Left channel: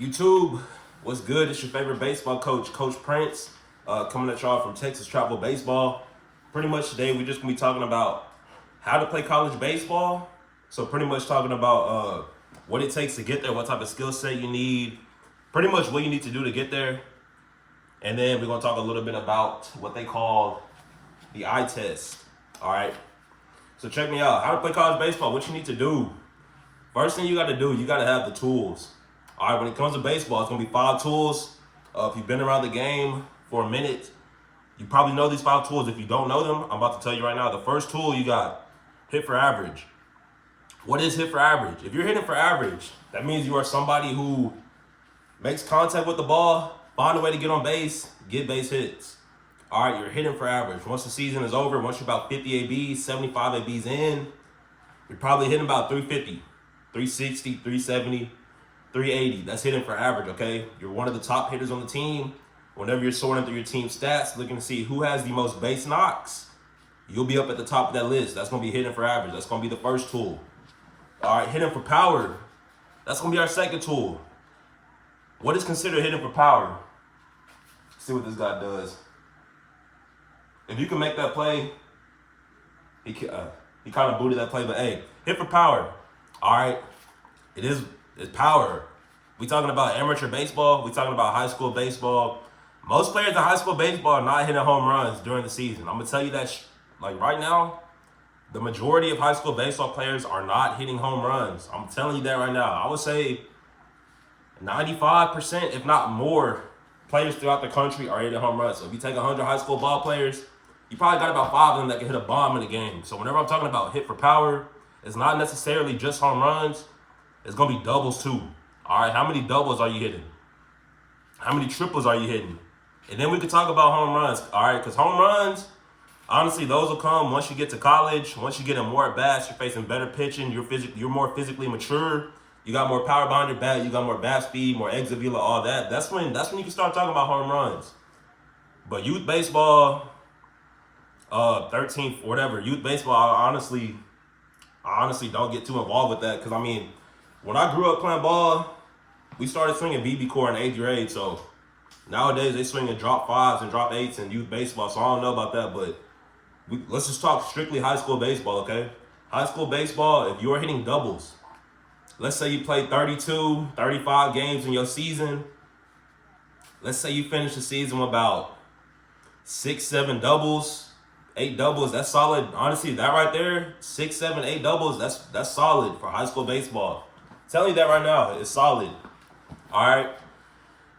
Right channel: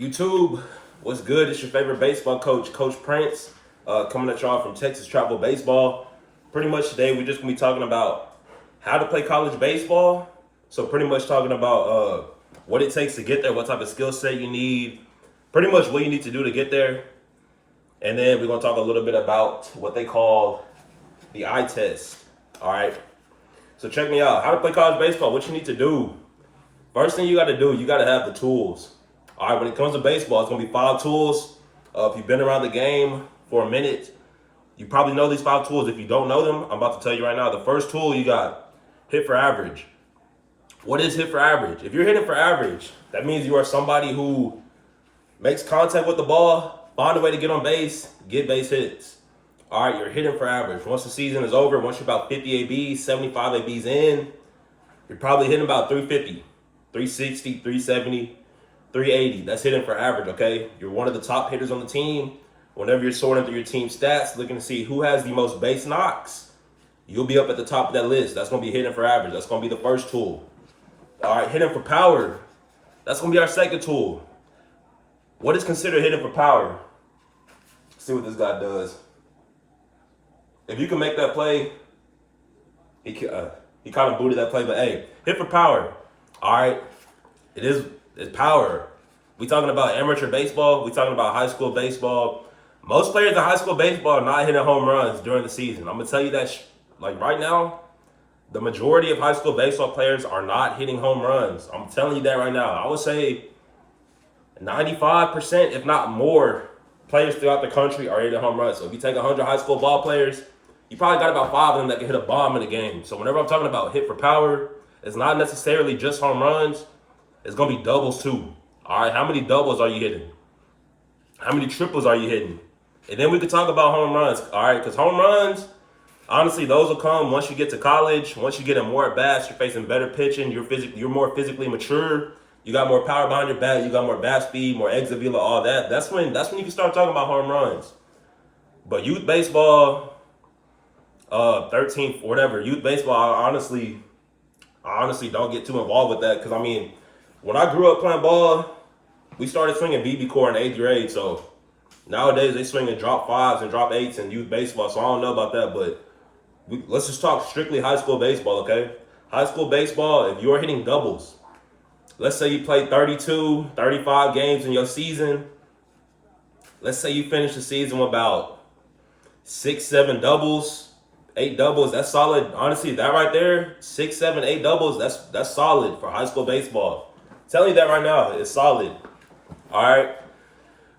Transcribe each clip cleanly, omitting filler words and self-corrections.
YouTube, what's good? It's your favorite baseball coach, Coach Prince, coming at y'all from Texas Travel Baseball. Pretty much today, we're just gonna be talking about how to play college baseball. So pretty much talking about what it takes to get there, what type of skill set you need, pretty much what you need to do to get there. And then we're gonna talk a little bit about what they call the eye test. All right. So check me out. How to play college baseball, what you need to do. First thing you gotta do, you gotta have the tools. All right, when it comes to baseball, it's going to be 5 tools. If you've been around the game for a minute, you probably know these 5 tools. If you don't know them, I'm about to tell you right now. The first tool you got, hit for average. What is hit for average? If you're hitting for average, that means you are somebody who makes contact with the ball, find a way to get on base, get base hits. All right, you're hitting for average. Once the season is over, once you're about 50 ABs, 75 ABs in, you're probably hitting about 350, 360, 370. 380, that's hitting for average, okay? You're one of the top hitters on the team. Whenever you're sorting through your team stats, looking to see who has the most base knocks, you'll be up at the top of that list. That's going to be hitting for average. That's going to be the first tool. All right, hitting for power. That's going to be our second tool. What is considered hitting for power? Let's see what this guy does. If you can make that play, he kind of booted that play, but hey, hit for power. All right, it's power. We talking about amateur baseball. We talking about high school baseball. Most players in high school baseball are not hitting home runs during the season. I'm gonna tell you that, like right now, the majority of high school baseball players are not hitting home runs. I'm telling you that right now. I would say 95%, if not more, players throughout the country are hitting home runs. So if you take 100 high school ball players, you probably got about 5 of them that can hit a bomb in a game. So whenever I'm talking about hit for power, it's not necessarily just home runs. It's going to be doubles too. All right, how many doubles are you hitting? How many triples are you hitting? And then we could talk about home runs, all right? Because home runs, honestly, those will come once you get to college. Once you get in more at-bats, you're facing better pitching. You're more physically mature. You got more power behind your bat. You got more bat speed, more exit velo, all that. That's when you can start talking about home runs. But youth baseball, 13th, whatever, youth baseball, I honestly don't get too involved with that because, I mean, when I grew up playing ball, we started swinging BB core in 8th grade. So nowadays they swing in drop 5s and drop 8s in youth baseball. So I don't know about that, but let's just talk strictly high school baseball, okay? High school baseball, if you're hitting doubles, let's say you play 32, 35 games in your season. Let's say you finish the season with about 6, 7 doubles, 8 doubles. That's solid. Honestly, that right there, 6, 7, 8 doubles, that's solid for high school baseball. Tell you that right now, it's solid. All right.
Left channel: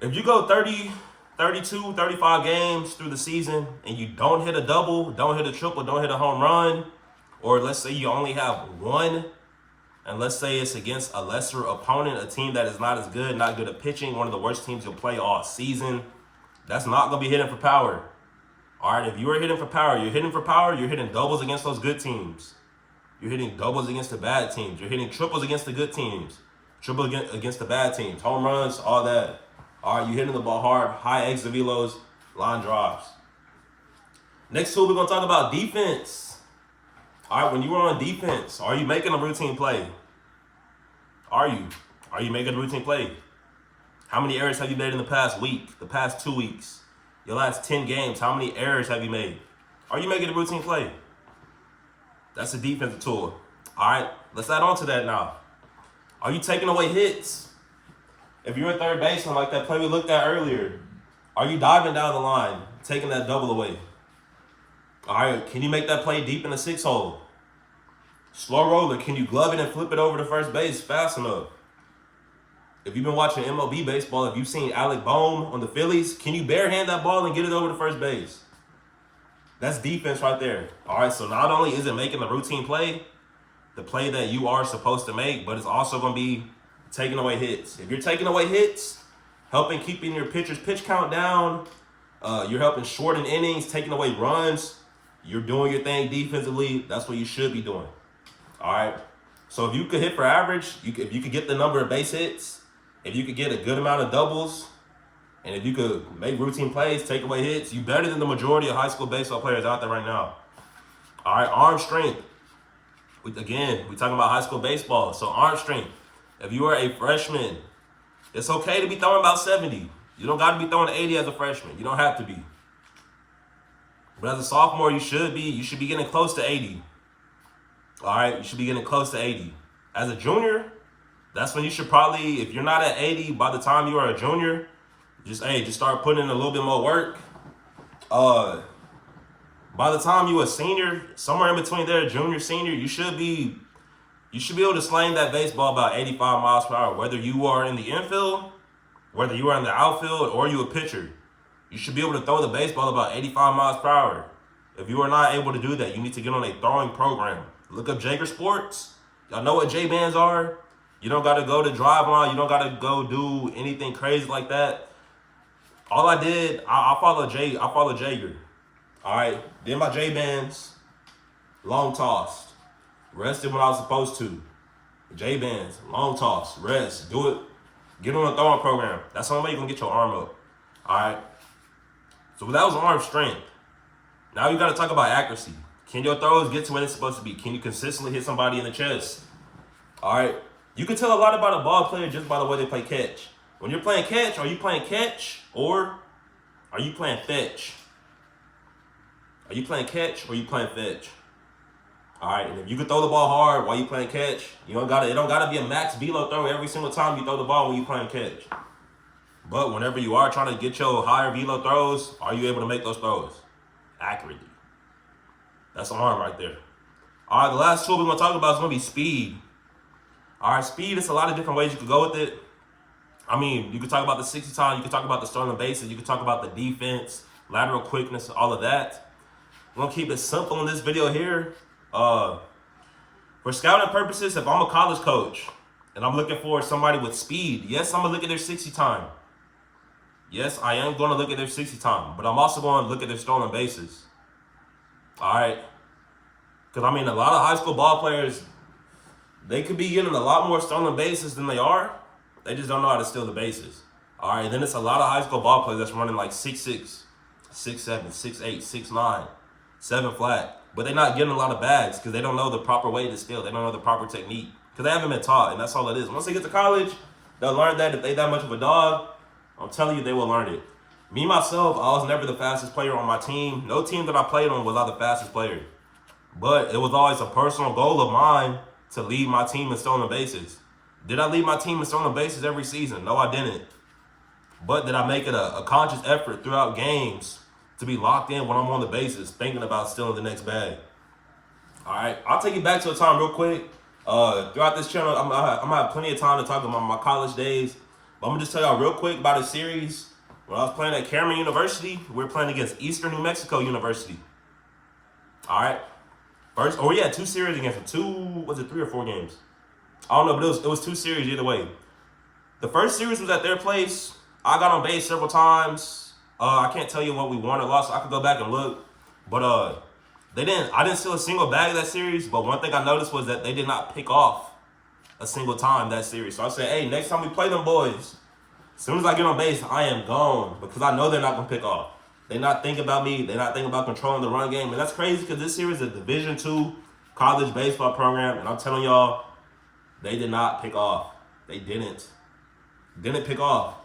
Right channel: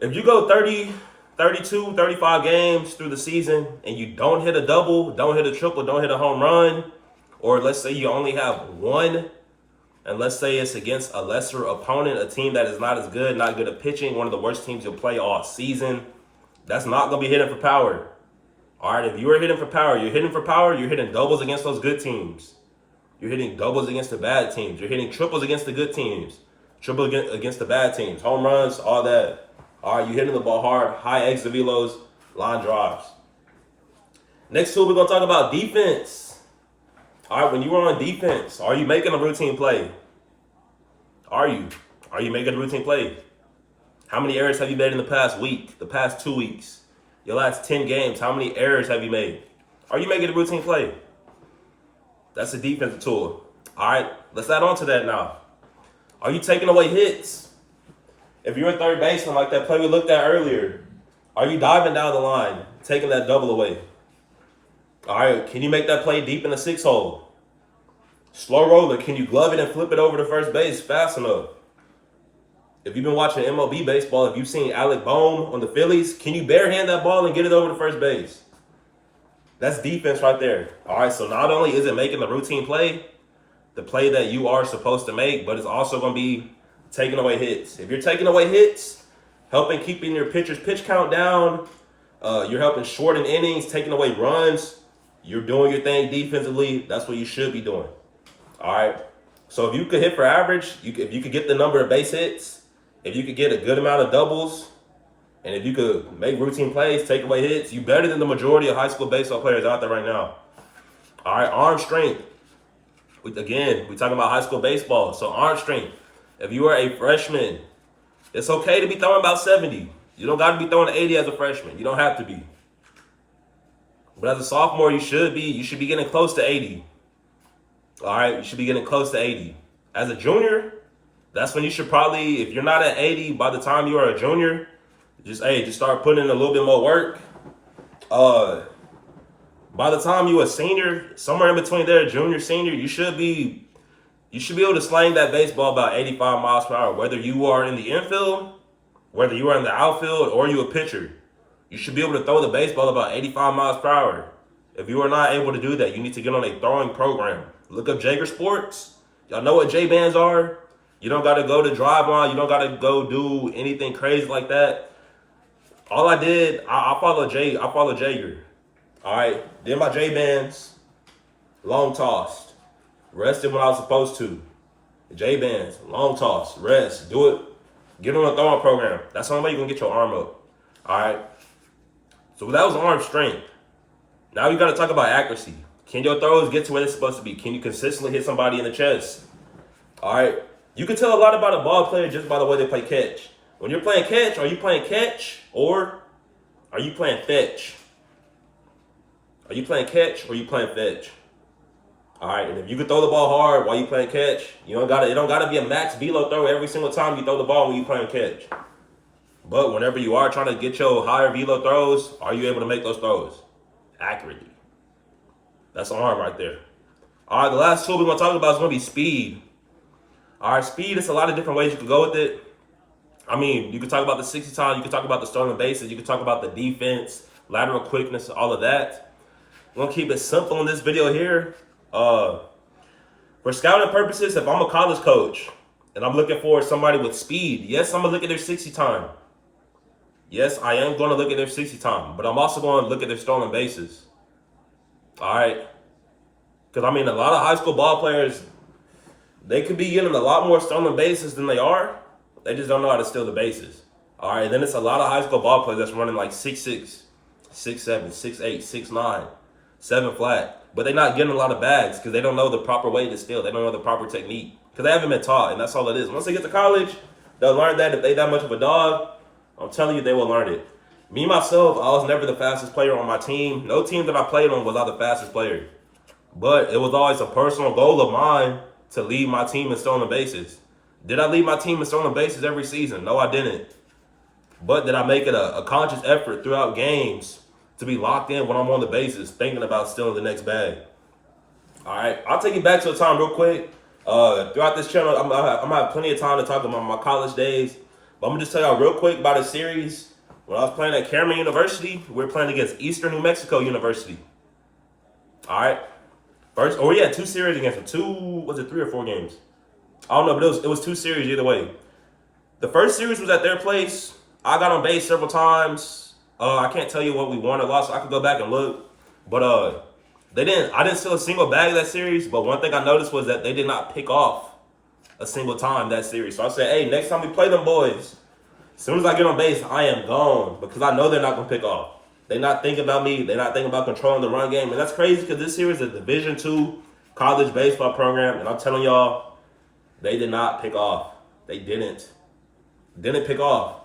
If you go 30, 32, 35 games through the season and you don't hit a double, don't hit a triple, don't hit a home run, or let's say you only have 1, and let's say it's against a lesser opponent, a team that is not as good, not good at pitching, one of the worst teams you'll play all season, that's not going to be hitting for power. All right. If you are hitting for power, you're hitting doubles against those good teams. You're hitting doubles against the bad teams. You're hitting triples against the good teams. Triple against the bad teams. Home runs, all that. All right, you're hitting the ball hard. High exit velos, line drives. Next tool, we're going to talk about defense. All right, when you are on defense, are you making a routine play? Are you making a routine play? How many errors have you made in the past week, the past 2 weeks, your last 10 games? How many errors have you made? Are you making a routine play? That's a defensive tool. All right, let's add on to that now. Are you taking away hits? If you're a third baseman like that play we looked at earlier, are you diving down the line, taking that double away? All right, can you make that play deep in the 6 hole? Slow roller, can you glove it and flip it over to first base fast enough? If you've been watching MLB baseball, if you've seen Alec Bohm on the Phillies, can you barehand that ball and get it over to first base? That's defense right there. All right, so not only is it making the routine play, the play that you are supposed to make, but it's also going to be taking away hits. If you're taking away hits, helping keeping your pitcher's pitch count down, you're helping shorten innings, taking away runs, you're doing your thing defensively. That's what you should be doing. All right, so if you could hit for average, if you could get the number of base hits, if you could get a good amount of doubles, and if you could make routine plays, take away hits, you're better than the majority of high school baseball players out there right now. All right, arm strength. We're talking about high school baseball. So arm strength. If you are a freshman It's okay to be throwing about 70. You don't got to be throwing 80 as a freshman. You don't have to be. But as a sophomore, you should be. You should be getting close to 80. All right, you should be getting close to 80. As a junior, that's when you should probably, if you're not at 80 by the time you are a junior, just start putting in a little bit more work. By the time you a senior, somewhere in between there, junior, senior, you should be able to slang that baseball about 85 miles per hour, whether you are in the infield, whether you are in the outfield, or you a pitcher. You should be able to throw the baseball about 85 miles per hour. If you are not able to do that, you need to get on a throwing program. Look up Jaeger Sports. Y'all know what J-bands are. You don't got to go to drive on. You don't got to go do anything crazy like that. All I did, I follow Jaeger. All right. Did my J-bands. Long tossed. Rested when I was supposed to. J-bands. Long toss. Rest. Do it. Get on a throwing program. That's the only way you can get your arm up. All right. So that was arm strength. Now you got to talk about accuracy. Can your throws get to where it's supposed to be? Can you consistently hit somebody in the chest? All right. You can tell a lot about a ball player just by the way they play catch. When you're playing catch, are you playing catch or are you playing fetch? Are you playing catch or are you playing fetch? All right. And if you can throw the ball hard while you playing catch, it don't gotta be a max velo throw every single time you throw the ball when you playing catch. But whenever you are trying to get your higher velo throws, are you able to make those throws accurately? That's arm right there. All right, the last tool we're going to talk about is going to be speed. All right, speed, it's a lot of different ways you can go with it. I mean, you can talk about the 60 time, you can talk about the stolen bases, you can talk about the defense, lateral quickness, all of that. We're going to keep it simple in this video here. For scouting purposes, if I'm a college coach and I'm looking for somebody with speed, yes, I'm going to look at their 60 time. Yes, I am going to look at their 60 time, but I'm also going to look at their stolen bases. All right. Because, I mean, a lot of high school ball players, they could be getting a lot more stolen bases than they are. They just don't know how to steal the bases. All right. Then it's a lot of high school ball players that's running like 6'6", 6'7", 6'8", 6'9", 7 flat. But they're not getting a lot of bags because they don't know the proper way to steal. They don't know the proper technique because they haven't been taught, and that's all it is. Once they get to college, they'll learn that. If they that much of a dog, I'm telling you, they will learn it. Me, myself, I was never the fastest player on my team. No team that I played on was I the fastest player. But it was always a personal goal of mine to lead my team in stolen bases. Did I lead my team in stolen bases every season? No, I didn't. But did I make it a conscious effort throughout games to be locked in when I'm on the bases, thinking about stealing the next bag? All right, I'll take you back to a time real quick. Throughout this channel, I'm gonna have plenty of time to talk about my college days. But I'm gonna just tell y'all real quick about a series. When I was playing at Cameron University, we were playing against Eastern New Mexico University. All right. We had 2 series against them. 3 or 4 games? I don't know, but it was 2 series either way. The first series was at their place. I got on base several times. I can't tell you what we won or lost. So I could go back and look. But I didn't steal a single bag that series. But one thing I noticed was that they did not pick off a single time that series. So I said, hey, next time we play them boys, as soon as I get on base, I am gone because I know they're not going to pick off. They're not thinking about me. They're not thinking about controlling the run game. And that's crazy because this series is a Division II college baseball program. And I'm telling y'all, they did not pick off. They didn't pick off.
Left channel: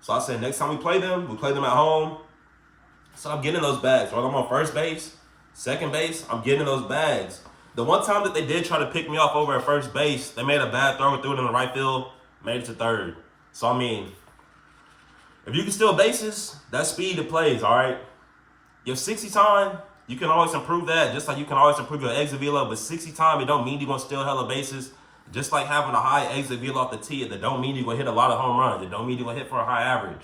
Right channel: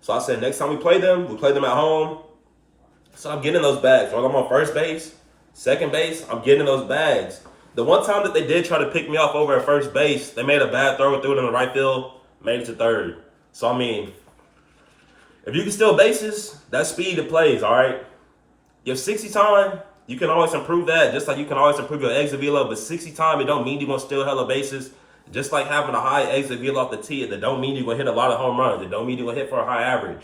So I said, next time we play them at home. So I'm getting those bags. While I'm on first base, second base, I'm getting those bags. The one time that they did try to pick me off over at first base, they made a bad throw and threw it in the right field, made it to third. So, I mean, if you can steal bases, that's speed that plays, all right? You have 60 time, you can always improve that, just like you can always improve your exit velo, but 60 time, it don't mean you're going to steal hella bases. Just like having a high exit velo off the tee, it don't mean you're going to hit a lot of home runs. It don't mean you're going to hit for a high average.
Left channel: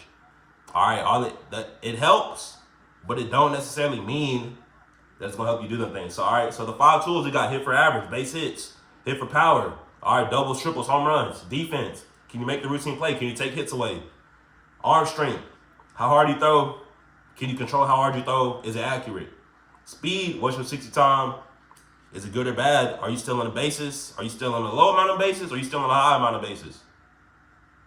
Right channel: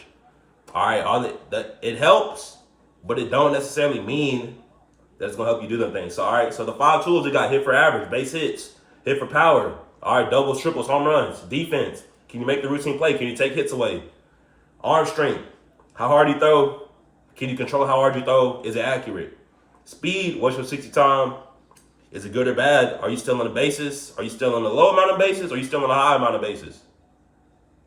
All right, it helps, but it don't necessarily mean that it's going to help you do them things. So, all right, so the 5 tools, you got hit for average, base hits, hit for power, all right, doubles, triples, home runs, defense. Can you make the routine play? Can you take hits away? Arm strength. How hard you throw? Can you control how hard you throw? Is it accurate? Speed. What's your 60 time? Is it good or bad? Are you still on the bases? Are you still on the low amount of bases? Or are you still on the high amount of bases?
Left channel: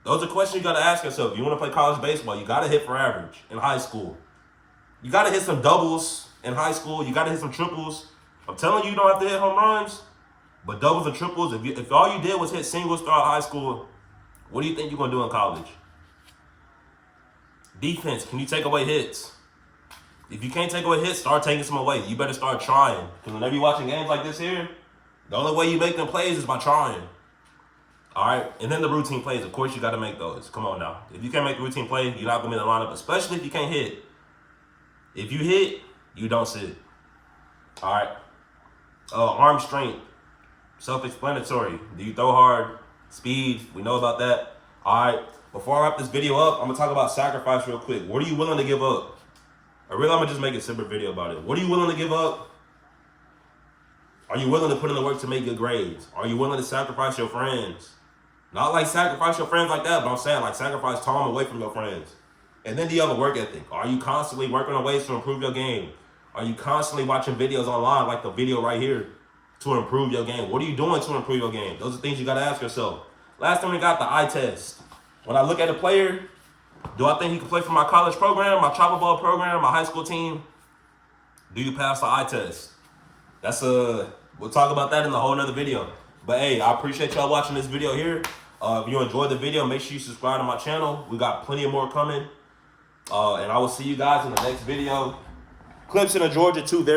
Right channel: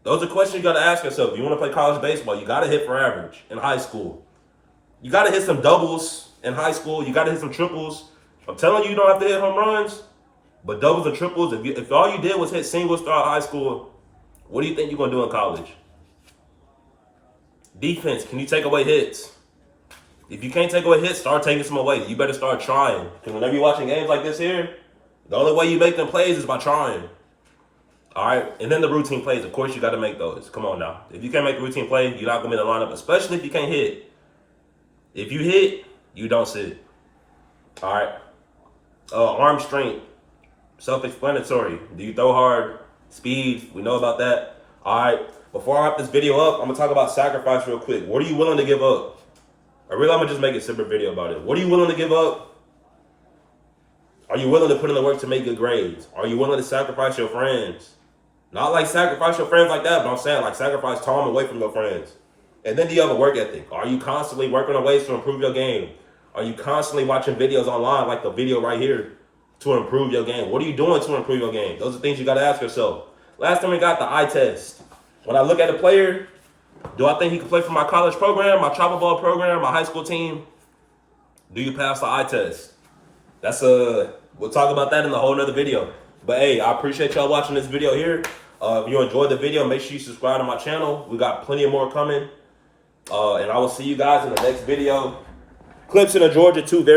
Those are questions you got to ask yourself. If you want to play college baseball, you got to hit for average in high school. You got to hit some doubles in high school. You got to hit some triples. I'm telling you, you don't have to hit home runs, but doubles and triples. If all you did was hit singles throughout high school, What do you think you're going to do in college? Defense, can you take away hits? If you can't take away hits, start taking some away. You better start trying. Because whenever you're watching games like this here, the only way you make them plays is by trying. All right? And then the routine plays. Of course, you got to make those. Come on now. If you can't make the routine play, you're not going to be in the lineup, especially if you can't hit. If you hit, you don't sit. All right? Arm strength. Self-explanatory. Do you throw hard? Speed. We know about that. All right? Before I wrap this video up, I'm going to talk about sacrifice real quick. What are you willing to give up? I'm going to just make a separate video about it. What are you willing to give up? Are you willing to put in the work to make good grades? Are you willing to sacrifice your friends? Not like sacrifice your friends like that, but I'm saying like sacrifice time away from your friends. And then do you have a work ethic? Are you constantly working on ways to improve your game? Are you constantly watching videos online like the video right here to improve your game? What are you doing to improve your game? Those are things you got to ask yourself. Last time we got the eye test. When I look at a player, do I think he can play for my college program, my travel ball program, my high school team? Do you pass the eye test? We'll talk about that in a whole nother video. But hey, I appreciate y'all watching this video here. If you enjoyed the video, make sure you subscribe to my channel. We got plenty of more coming. And I will see you guys in the next video. Clemson and Georgia, two very